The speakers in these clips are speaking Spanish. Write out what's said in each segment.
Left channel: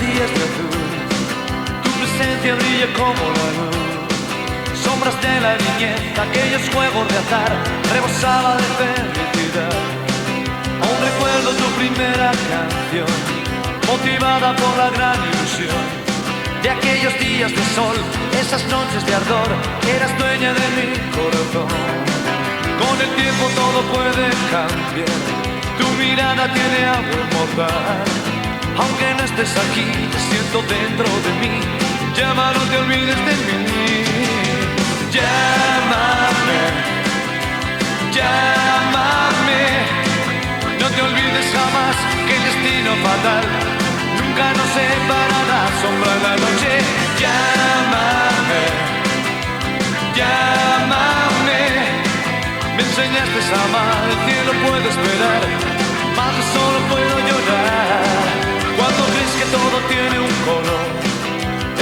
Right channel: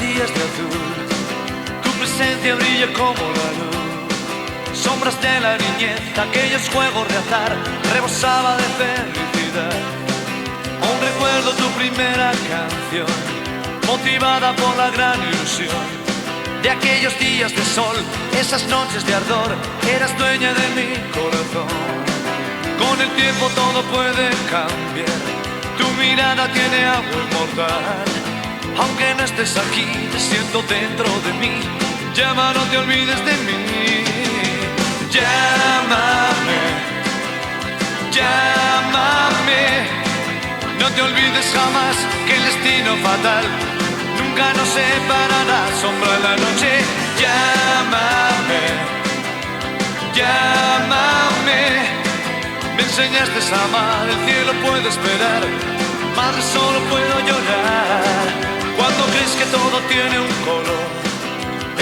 días de azul, tu presencia brilla como la luz. Sombras de la niñez, aquellos juegos de azar, rebosaba de felicidad. Aún recuerdo tu primera canción, motivada por la gran ilusión de aquellos días de sol, esas noches de ardor, eras dueña de mi corazón. Con el tiempo todo puede cambiar, tu mirada tiene algo inmortal. Aunque no estés aquí, te siento dentro de mí, llama, no te olvides de mí. Llámame, llámame, no te olvides jamás que el destino fatal nunca nos separará, sombra en la noche. Llámame, llámame, me enseñaste a amar, el cielo puede esperar, más de solo puedo llorar. Cuando crees que todo tiene un color,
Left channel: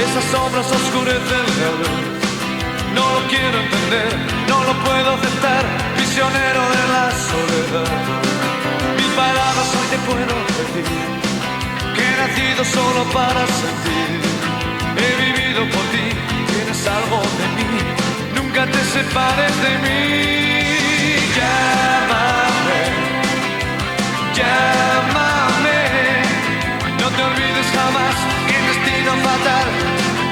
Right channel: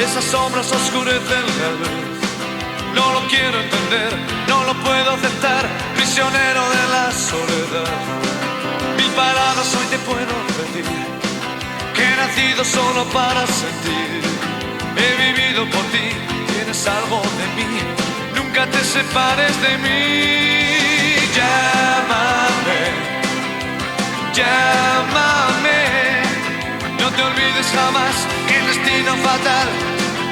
esas sombras oscurecen la luz. No lo quiero entender, no lo puedo aceptar, prisionero de la soledad. Mil palabras hoy te puedo decir, que he nacido solo para sentir. He vivido por ti, tienes algo de mí, nunca te separes de mí. Llámame, llámame, no te olvides jamás que el destino fatal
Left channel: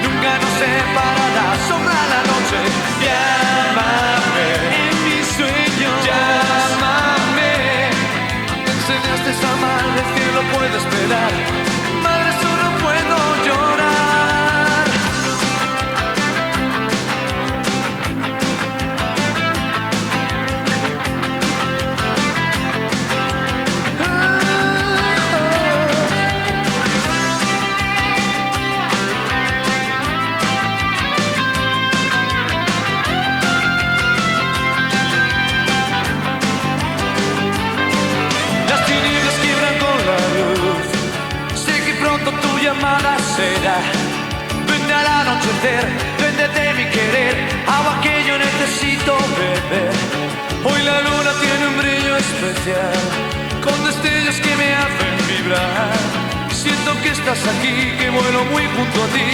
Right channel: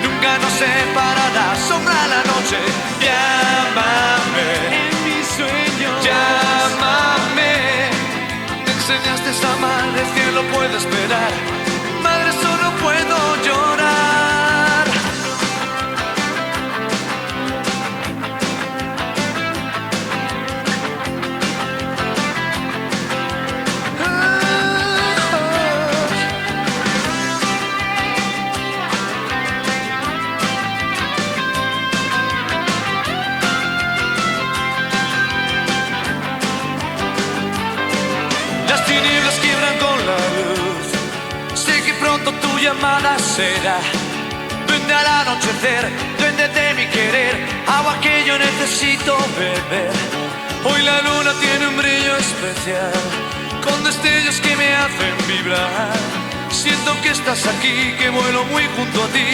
nunca nos separará, sombra la noche. Llámame, en mis sueños, llámame, me enseñaste a amar, el cielo puede esperar, madre solo puedo llorar. Llamada será, vendrá al anochecer, duende de mi querer, agua que yo necesito beber. Hoy la luna tiene un brillo especial, con destellos que me hacen vibrar. Siento que estás aquí, que vuelo muy junto a ti,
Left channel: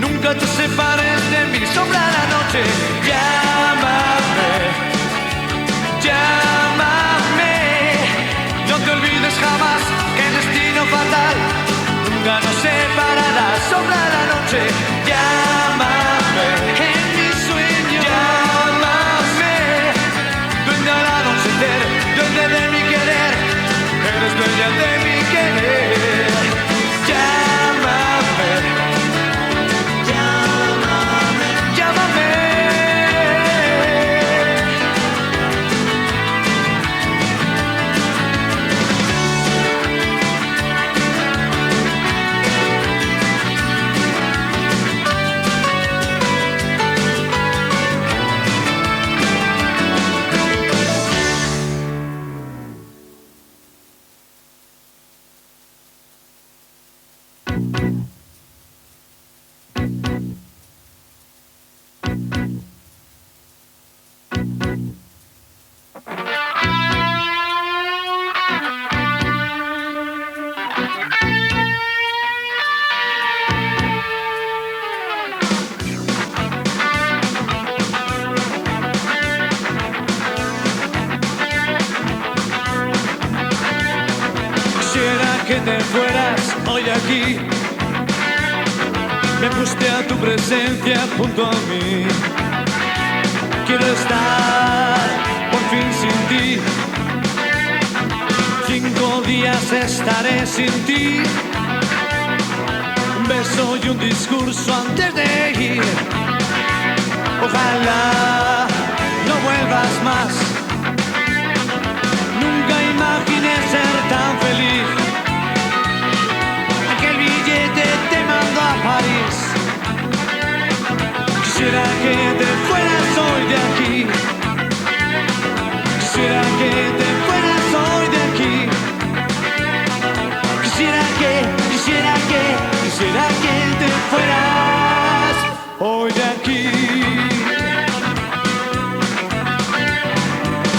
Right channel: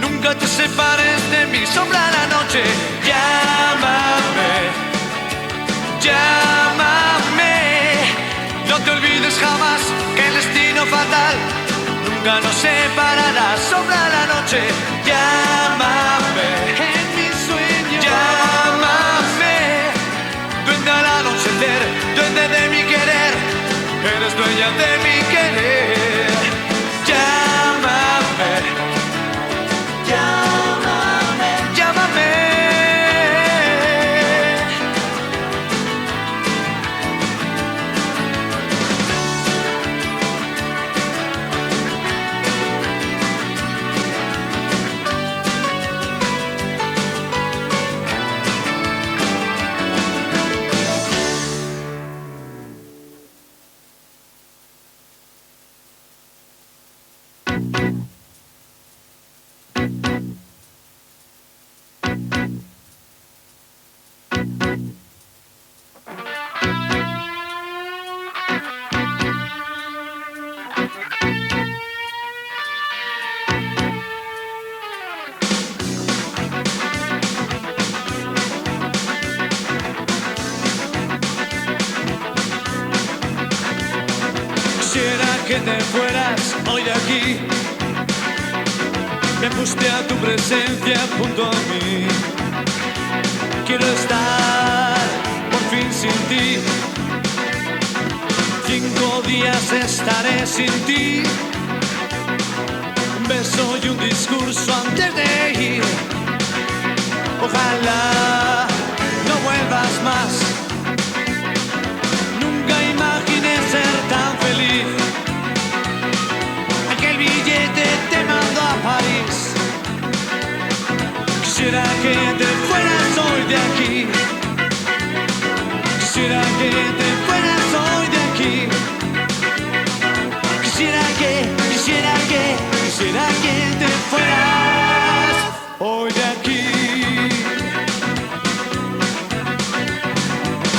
nunca te separes de mí, sombra la noche. Llámame, llámame, no te olvides jamás que el destino fatal nunca nos separará, sombra la noche. Llámame, en mis sueños, llámame, venga al anochecer, duende de mi querer, eres dueña de mi querer. Llámame, llámame, llámame. Que te fueras hoy de aquí, me guste a tu presencia junto a mí. Quiero estar por fin sin ti, 5 días estaré sin ti. Un beso y un discurso antes de ir. Ojalá no vuelvas más, nunca imaginé ser tan feliz. Aquel billete te mando a París. Quisiera que te fueras hoy de aquí. Quisiera que te fueras hoy de aquí. Quisiera que te fueras hoy de aquí.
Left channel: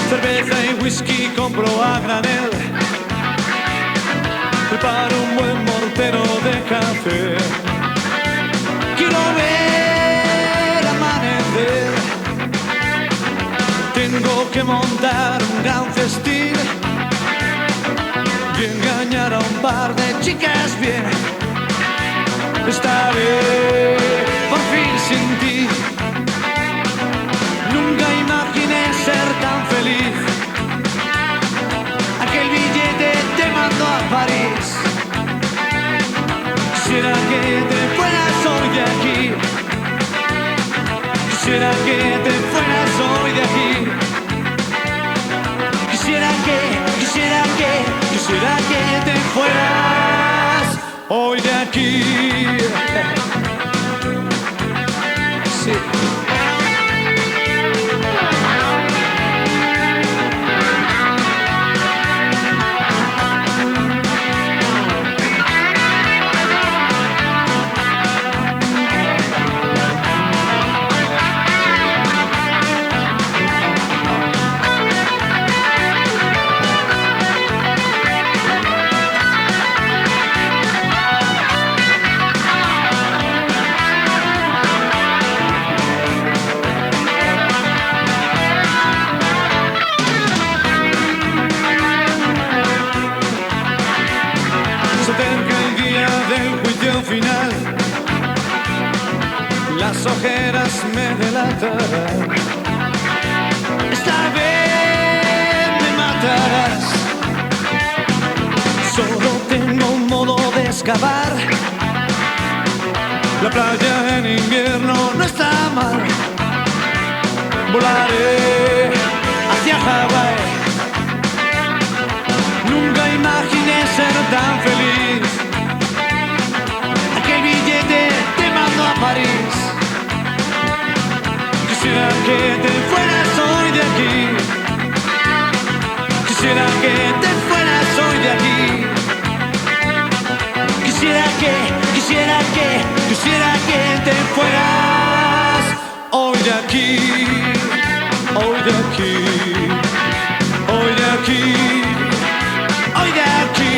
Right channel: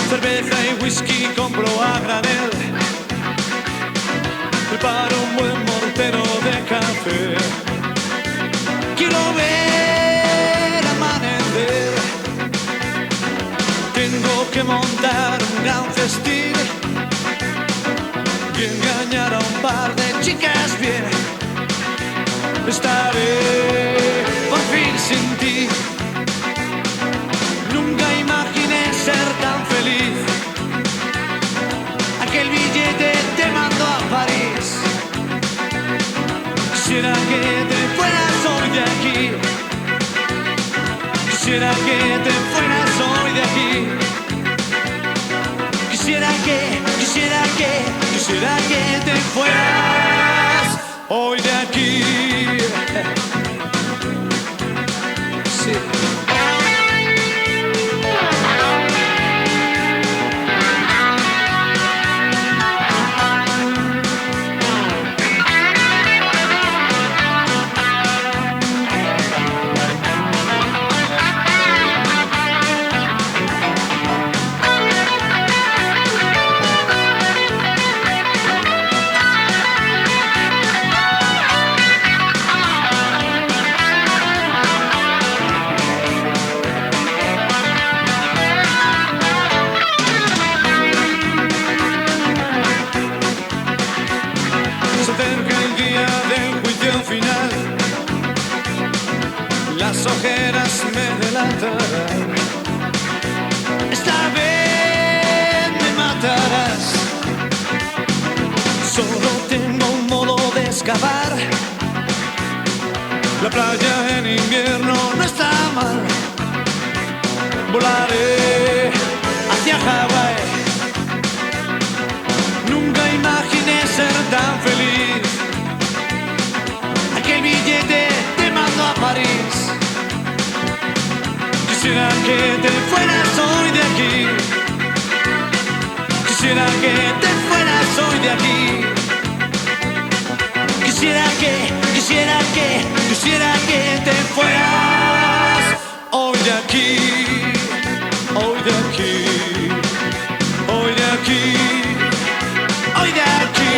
Cerveza y whisky compro a granel. preparo un buen mortero de café. Quiero ver amanecer. Tengo que montar un gran festín y engañar a un par de chicas bien. Estaré por fin sin ti. Nunca imaginé ser tan feliz. Aquel billete te mandó a París. Quisiera que te fueras hoy de aquí. Quisiera que te fueras hoy de aquí. Quisiera que te fueras hoy de aquí. Sí. Las ojeras me delatarán. Esta vez me matarás. Solo tengo un modo de escapar. La playa en invierno no está mal. Volaré hacia Hawái. Nunca imaginé ser tan feliz. Aquel billete te mandó a París. Quisiera que te fueras hoy de aquí. Quisiera que te fueras hoy de aquí. Quisiera que te fueras hoy de aquí. Hoy de aquí. Hoy de aquí. Hoy de aquí.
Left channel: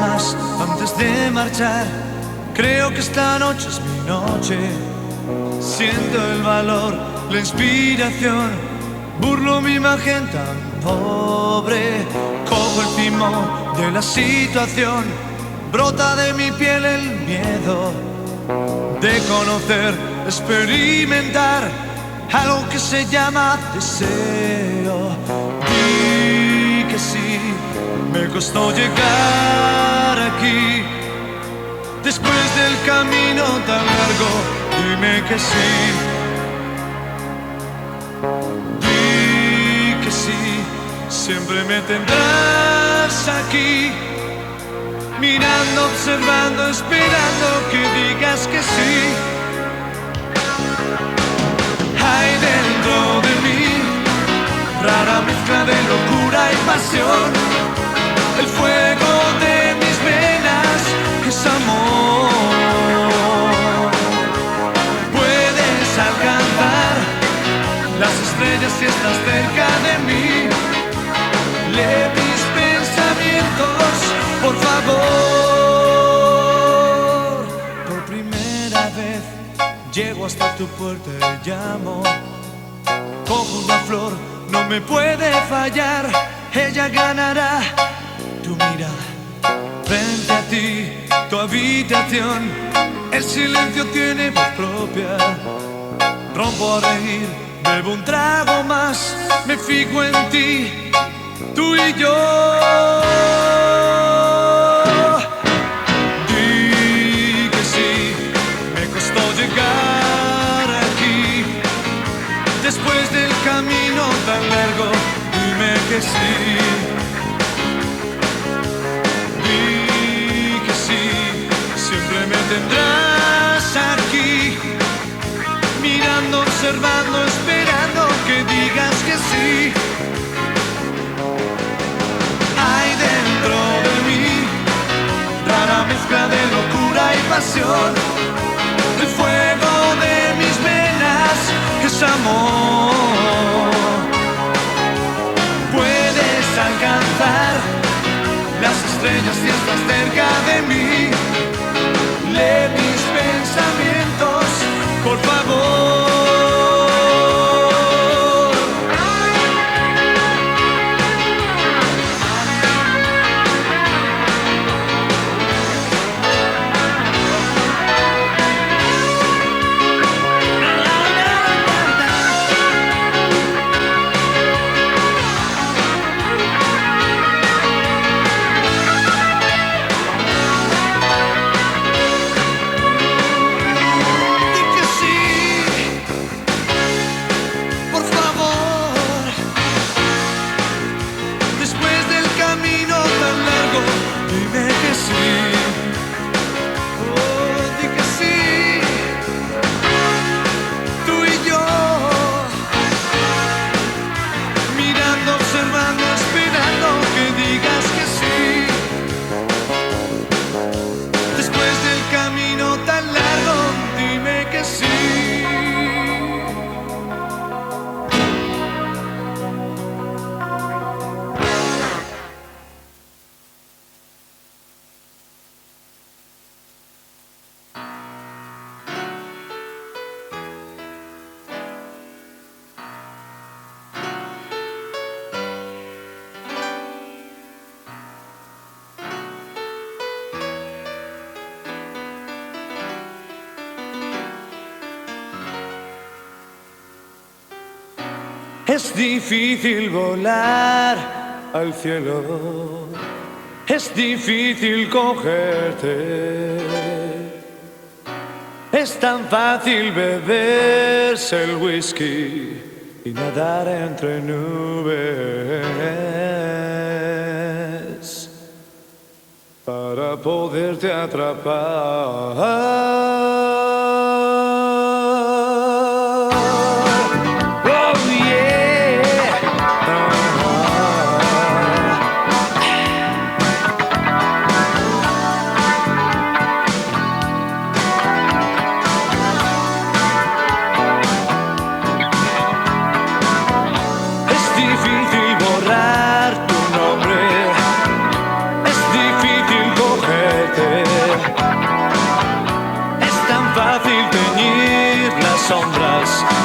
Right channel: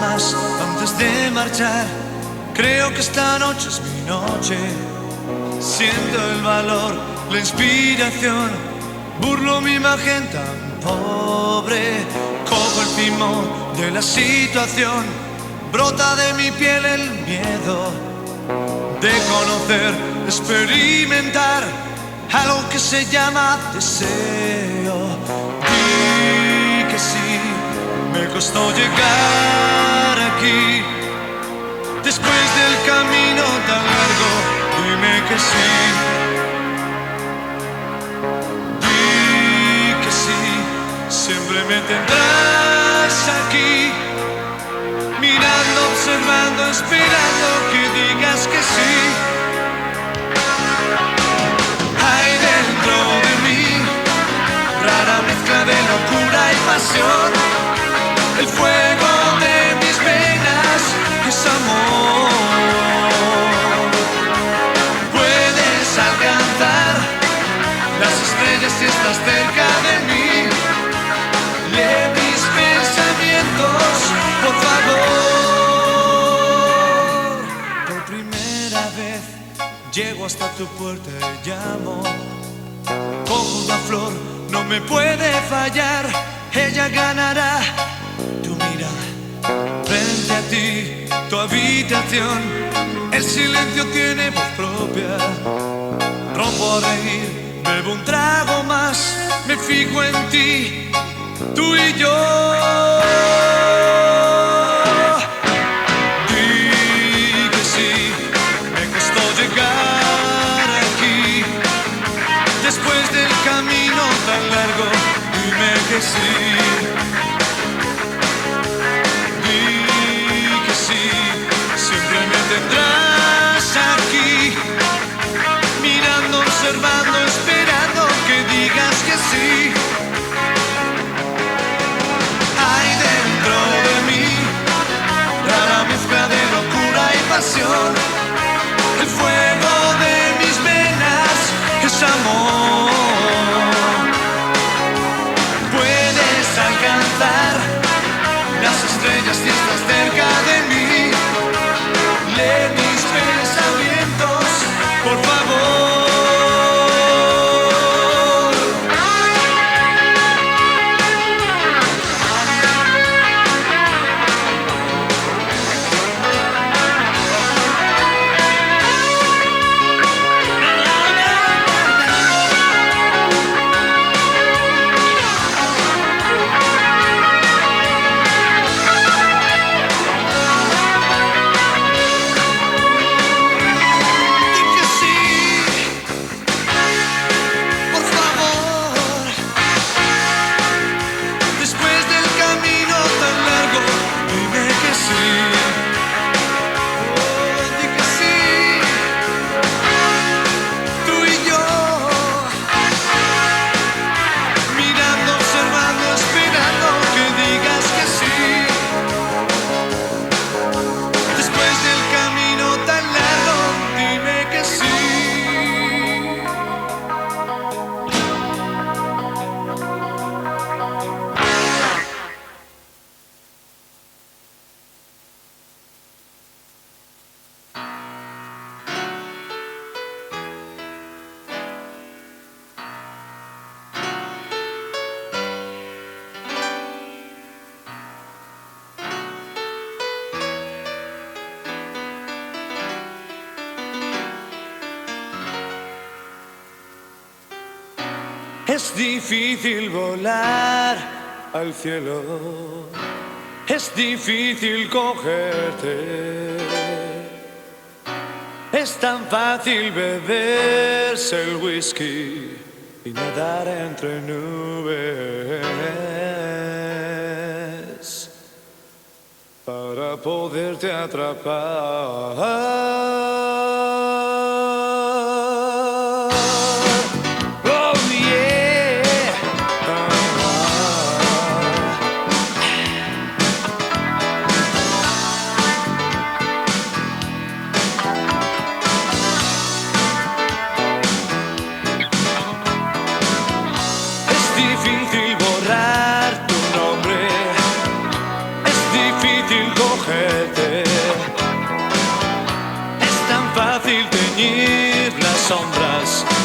Más antes de marchar, creo que esta noche es mi noche. Siento el valor, la inspiración, burlo mi imagen tan pobre. Cojo el timón de la situación, brota de mi piel el miedo de conocer, experimentar algo que se llama deseo. Di que sí. Me costó llegar aquí, después del camino tan largo, dime que sí. Di que sí, siempre me tendrás aquí, mirando, observando, esperando que digas que sí. Hay dentro de mí, rara mezcla de locura y pasión. El fuego de mis venas es amor. Puedes alcanzar las estrellas si estás cerca de mí. Lee mis pensamientos, por favor. Por primera vez llego hasta tu puerta y llamo. Cojo una flor, no me puede fallar. Ella ganará. Tu mirada, frente a ti, tu habitación. El silencio tiene voz propia. Rompo a reír, bebo un trago más. Me fijo en ti, tú y yo. Di que sí, me costó llegar aquí. Después del camino tan largo, dime que sí. Tendrás aquí, mirando, observando, esperando que digas que sí. pasión, el fuego de mis venas es amor. Puedes alcanzar las estrellas si estás cerca de mí, de mis pensamientos, por favor. Es difícil volar al cielo, es difícil cogerte, es tan fácil beberse el whisky y nadar entre nubes para poderte atrapar.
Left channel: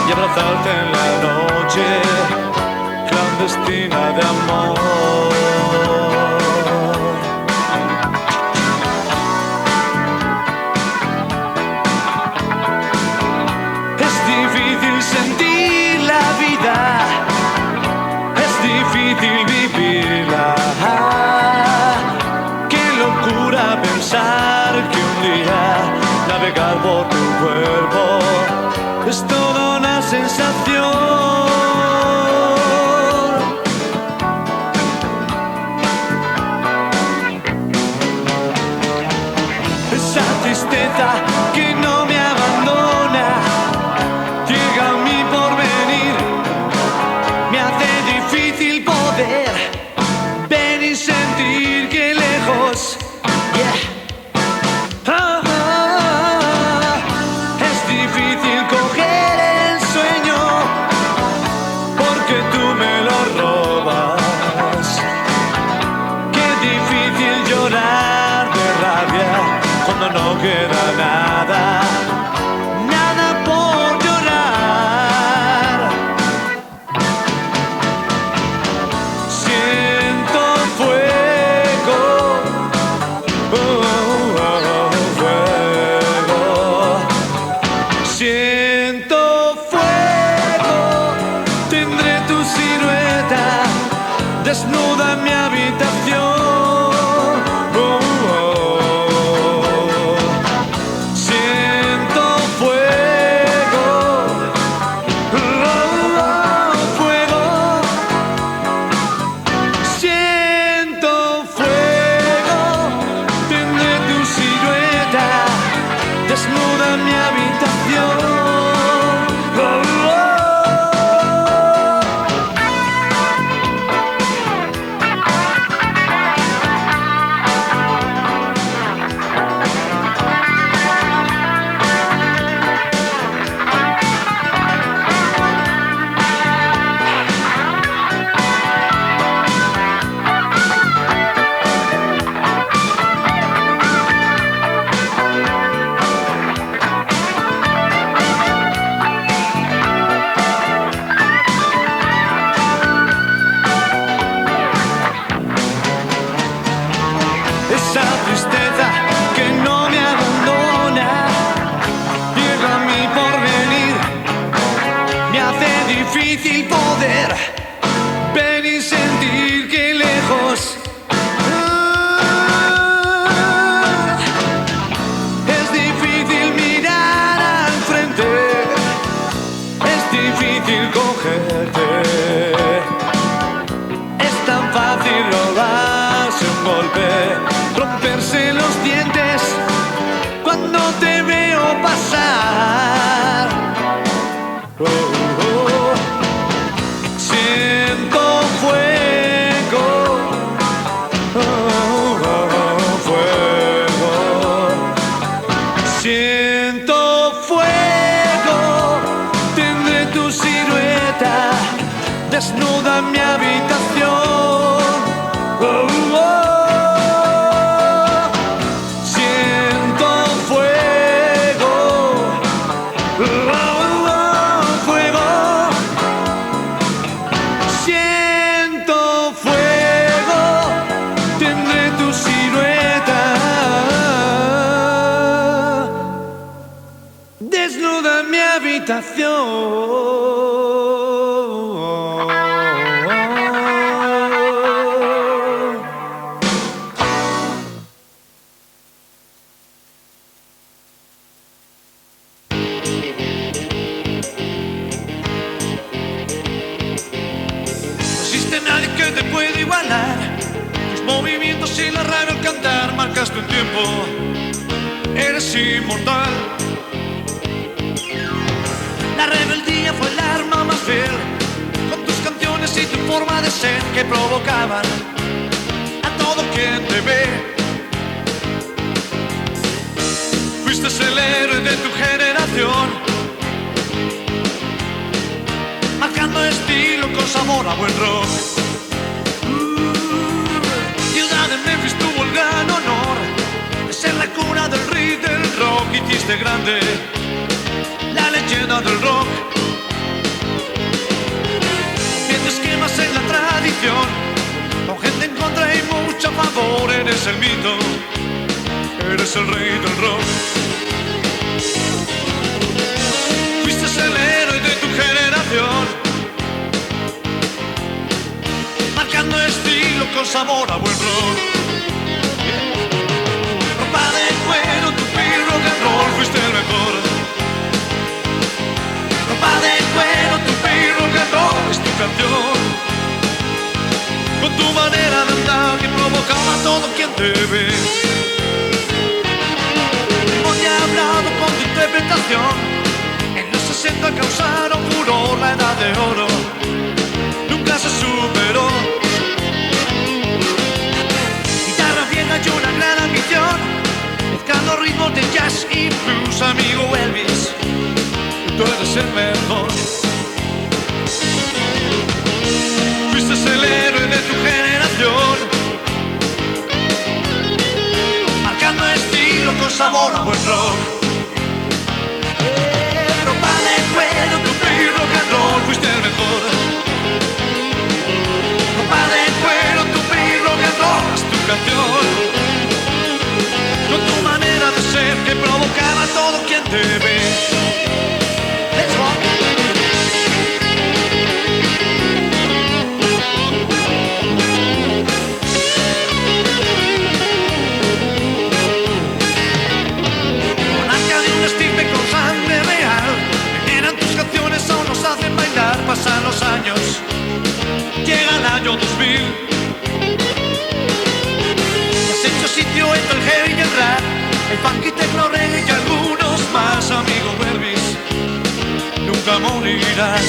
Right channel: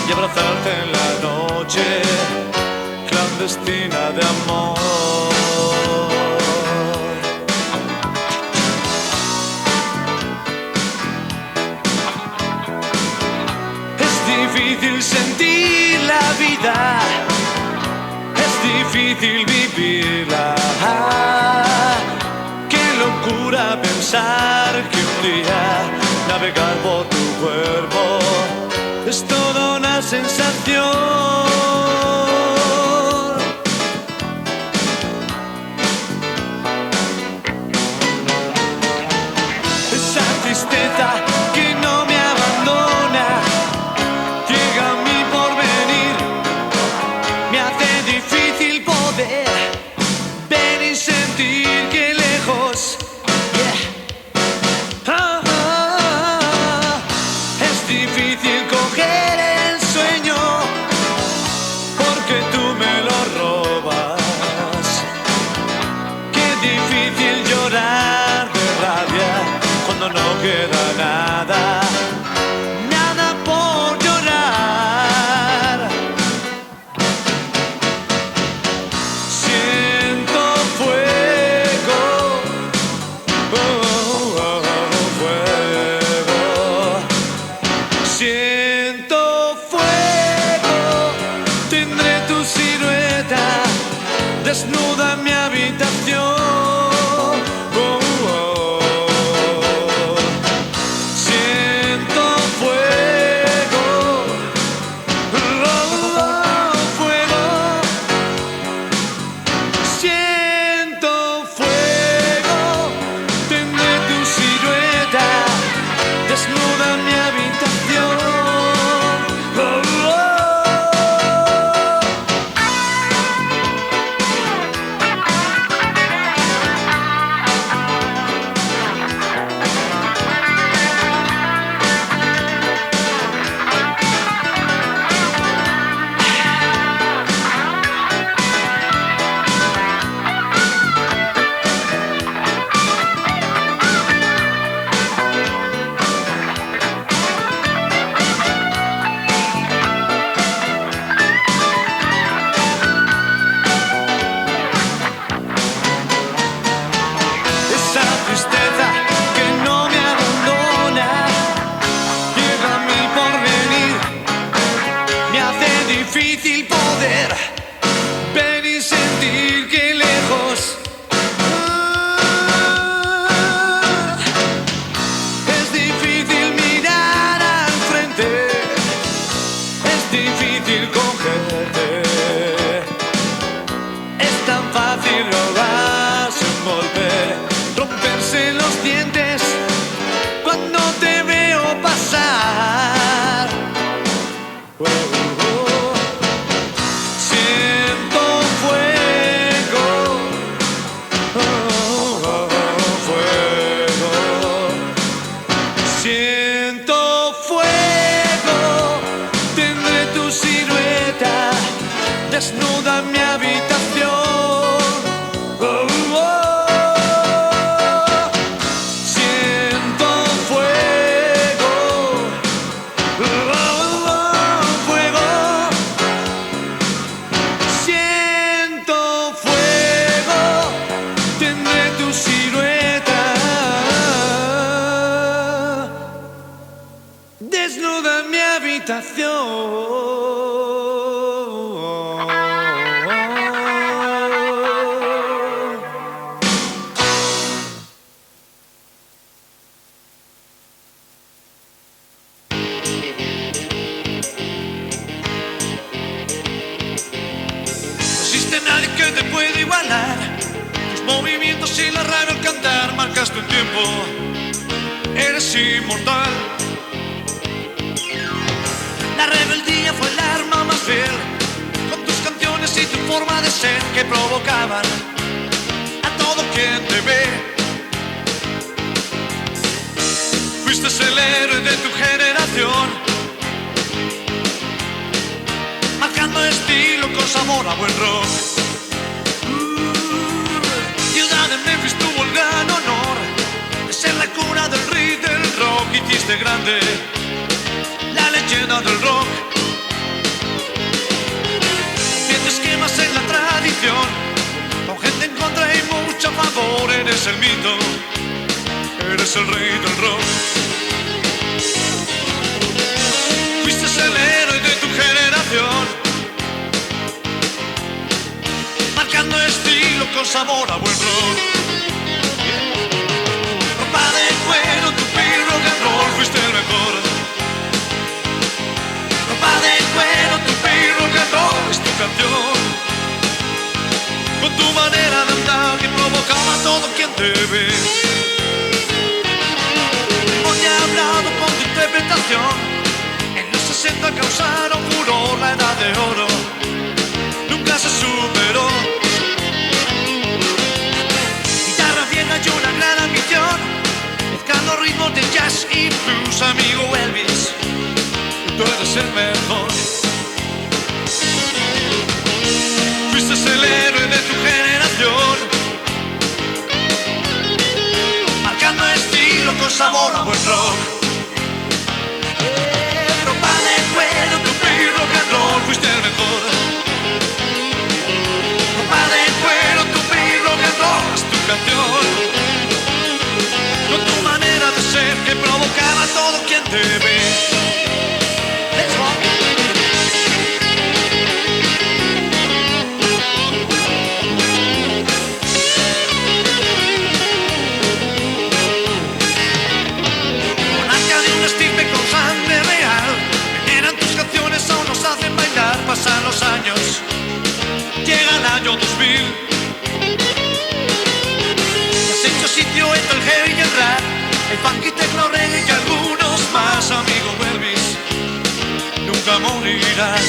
Y abrazarte en la noche clandestina de amor. Es difícil sentir la vida, es difícil vivirla. Qué locura pensar que un día navegar por tu cuerpo es toda una sensación. Esa tristeza que no me abandona llega a mi porvenir, me hace difícil poder ver y sentir que lejos, yeah. Cuando no queda nada, nada por llorar. Siento fuego, fuego. Siento fuego, tendré tu silueta desnuda en mi habitación. difícil poder ver y sentir que lejos es difícil mirar al frente, es difícil cogerte, es tan fácil robarse un golpe, romperse los dientes cuando te veo pasar. Oh, oh. Siento fuego, oh, oh, oh, fuego. Siento fuego, tendré tu silueta desnuda en mi habitación. Oh, oh. Siento fuego, oh, oh, oh, fuego. Siento fuego, tendré tu silueta desnuda en mi habitación. No existe nadie que te pueda igualar. Tus movimientos y la radio al cantar marcaste un tiempo. Eres inmortal. La rebeldía fue el arma más fiel, con tus canciones y tu forma de ser que provocaban a todo quien te ve. Fuiste el héroe de tu generación, marcando estilo con sabor a buen rock. Ciudad de Memphis tuvo el gran honor de ser la cuna del ritmo del rock. Hiciste grande la leyenda del rock. Tienes esquemas en la tradición, con gente en contra y mucho a favor. Eres el mito, eres el rey del rock. Fuiste el héroe de tu generación, marcando estilo con sabor a buen rock. Ropa de cuero, tu piel rock and roll, fuiste el mejor. Ropa de cuero, tu piel rock and roll, es tu canción. Con tu manera de andar que provocaba a todo quien te ve. Hoy he hablado con tu interpretación. En los 60 causaron furor, la edad de oro nunca se superó. Guitarra vieja y una gran ambición, mezclando ritmos de jazz y blues. Amigo Elvis, tú eres el mejor. Fuiste el héroe de tu generación, marcando estilo con sabor a buen rock. Ropa de cuero, tu piel rock and roll, fuiste el mejor. Ropa de cuero, tu piel rock and roll, es tu canción. Con tu manera de ser que provocaba a todo quien te ve. Pasan los años, llega el año 2000. Has hecho sitio entre el heavy y el rap, el funk y techno, reggae y algunos más. Amigo Elvis, nunca morirás.